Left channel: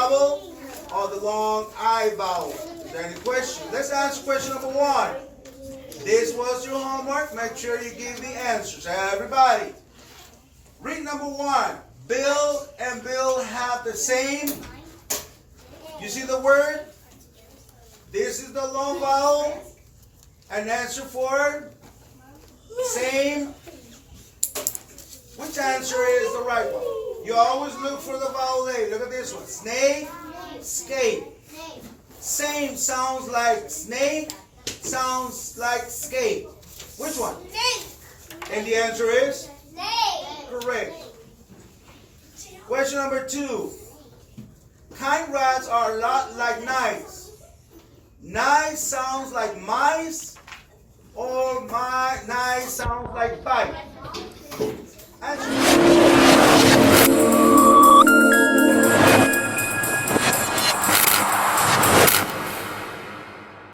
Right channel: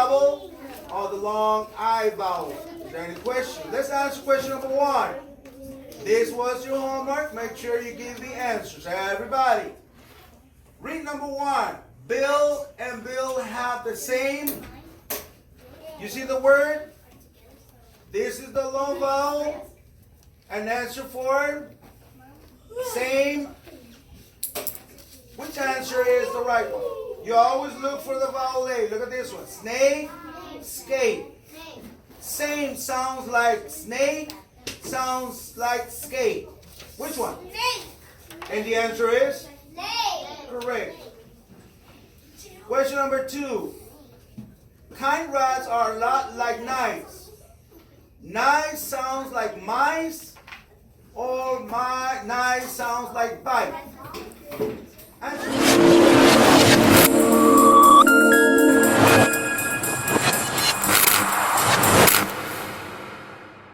vowel or the long I vowel? Is there any question? Let's answer question number 1. This was your homework. Make sure you give the answers. Everybody, read number 1. Bill and Bill have the same. You see the word? This is the long vowel. An answer for same. Which answer is the right one? You always look for the vowel A. Look at this one. Snake, skate. Same sounds like snake, sounds like skate. Which one? And the answer is? Correct. Question number 2. Kind rats are a lot like knives. Knives sounds like mice, or knives sounds like bite. Answer.